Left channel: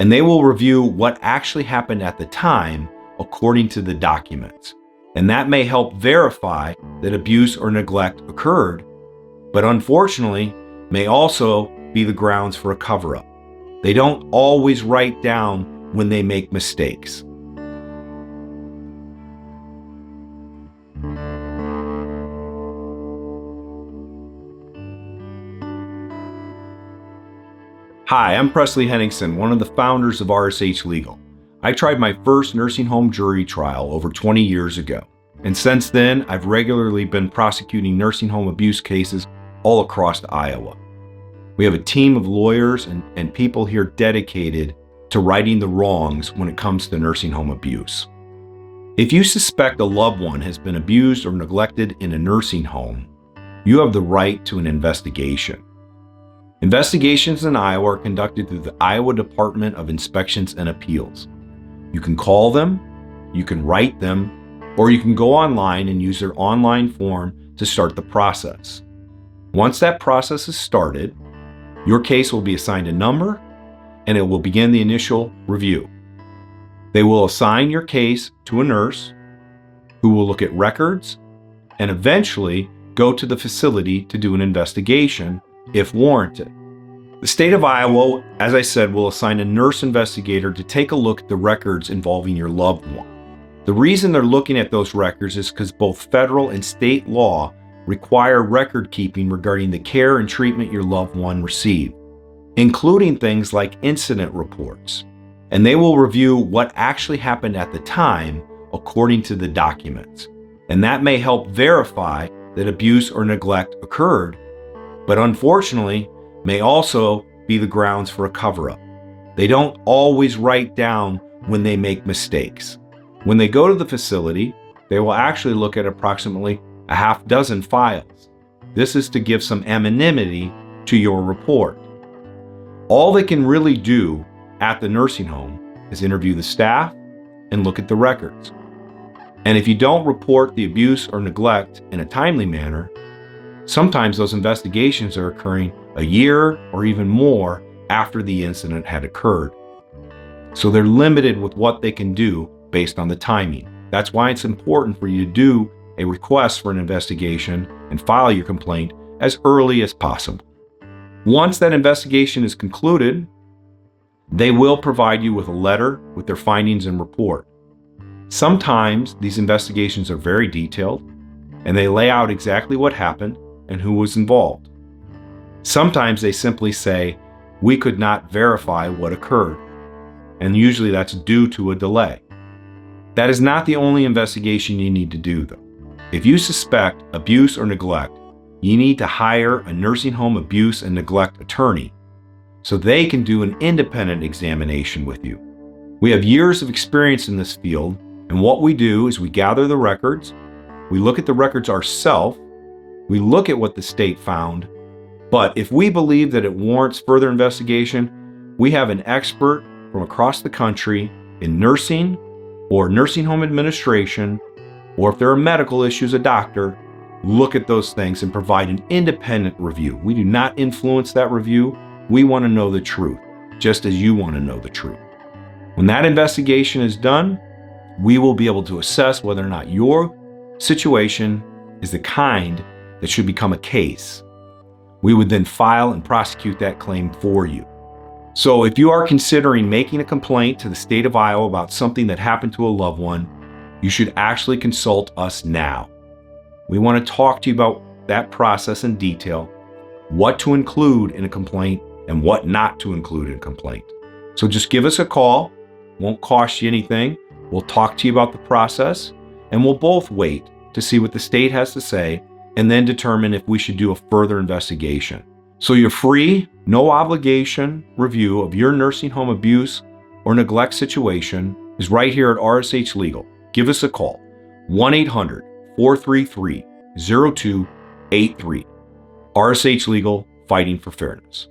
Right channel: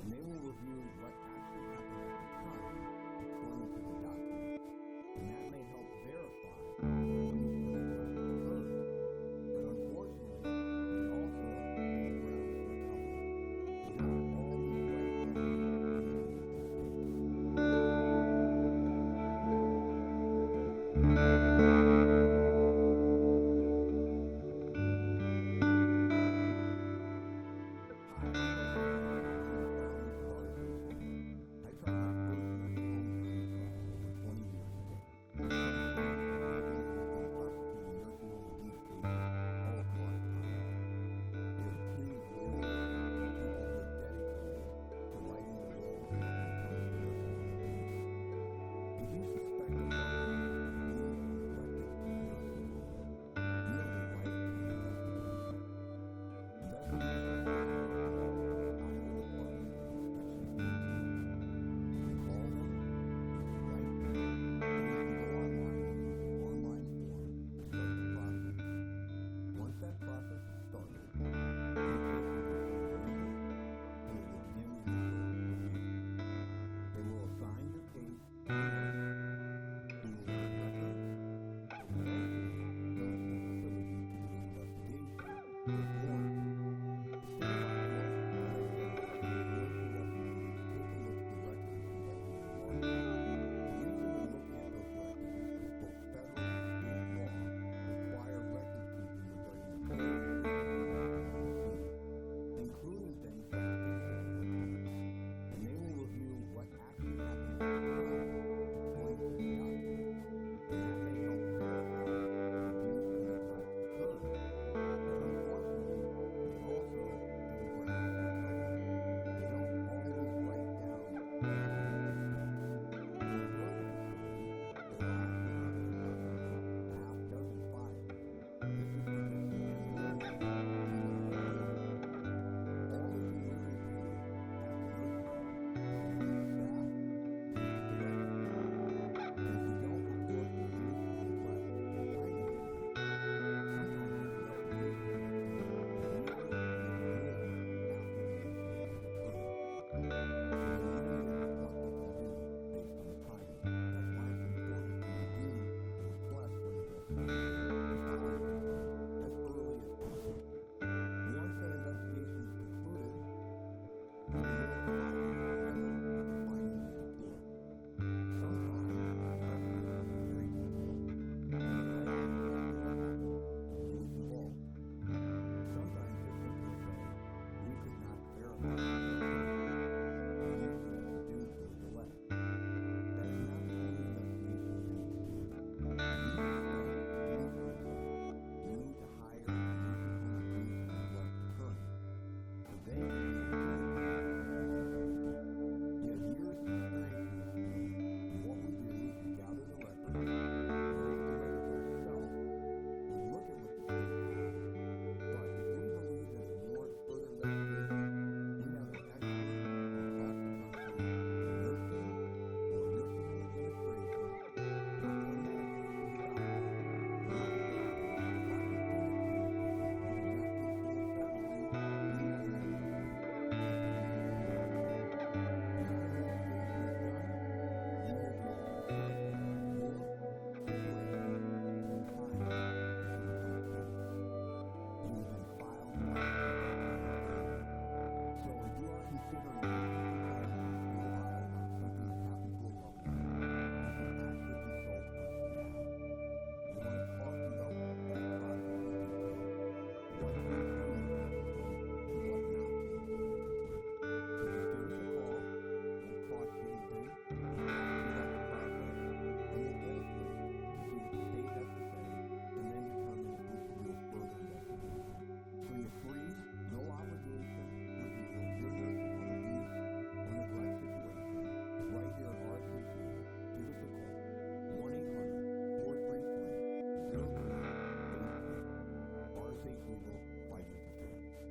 and they will review what actually happened at the time according to the documents. And that may help verify that abuse or neglect occurred, but unfortunately may also be the grounds for a cover-up. They don't always write down when they make mistakes. Hi, I'm Presley Henningsen, one of the founders of RSH Legal. I tried my first nursing home jury trial over 20 years ago, and since then I've regularly been prosecuting nursing home abuse cases all across Iowa. We have a team of lawyers and people here dedicated to righting the wrongs when it comes to nursing home abuse. If you suspect a loved one has been abused or neglected in a nursing home, you have the right to an investigation. Investigations in Iowa are conducted through the Iowa Department of Inspections and Appeals. You can call them, you can write them, or you can go online and use their online form to start the process. Once that process is started, your case will be assigned a number and it will begin the initial review. They will assign your case to a nurse who will look at records and eventually go to the facility to do an investigation if warranted. The state of Iowa, as I said, will assign a nurse investigator to take a look at the records involving your loved one. The reason they're looking at those records is because both federal and state law require record keeping regarding the care and treatment your loved one received, including things like incident reports. And they will review what actually happened at the time according to the documents. And that may help verify that abuse or neglect occurred, but unfortunately may also be the grounds for a cover-up. They don't always write down when they make mistakes. When they go to the facility, they will actually look at approximately a half dozen files. This is to give some anonymity to your report. All they can really do at the nursing home is interview the staff and look at the records. And if you don't report the abuse or neglect in a timely manner, sometimes those investigations are occurring a year or even more after the incident had occurred. So they're limited with what they can do based on the timing. That's why it's important for you to do a request for an investigation and file your complaint as early as possible. Once that investigation is concluded, they will provide you with a letter with their findings and report. Sometimes these investigations are very detailed and they lay out exactly what happened and who was involved. Sometimes they simply say, "We could not verify what occurred," and usually that's due to a delay. That is not the only investigation you need to do, though. If you suspect abuse or neglect, you need to hire a nursing home abuse and neglect attorney so they can do an independent examination with you. We have years of experience in this field, and what we do is we gather the records, we look at the records ourselves, we look at what the state found, but if we believe that it warrants further investigation, we have an expert from across the country in nursing or nursing home administration, or if there are medical issues, a doctor, look at those things and provide an independent review. We do not influence that review. We want to know the truth, just as you want to know the truth. When that investigation is done, we will be able to assess whether or not your situation is the kind that should become a case. We would then file and prosecute that claim for you. So if you are considering making a complaint to the state of Iowa about something that happened to a loved one, you should actually consult us now. We want to talk to you about that process in detail, what to include in a complaint and what not to include in a complaint. So just give us a call. Won't cost you anything. We'll talk to you about the process, and we'll both wait to see what the state has to say and then determine if we should do a further investigation. So your free, no obligation review of your nursing home abuse or neglect situation is right here at RSH Legal. Give us a call, 1-800-433-0283. RSH Legal, fighting for fairness.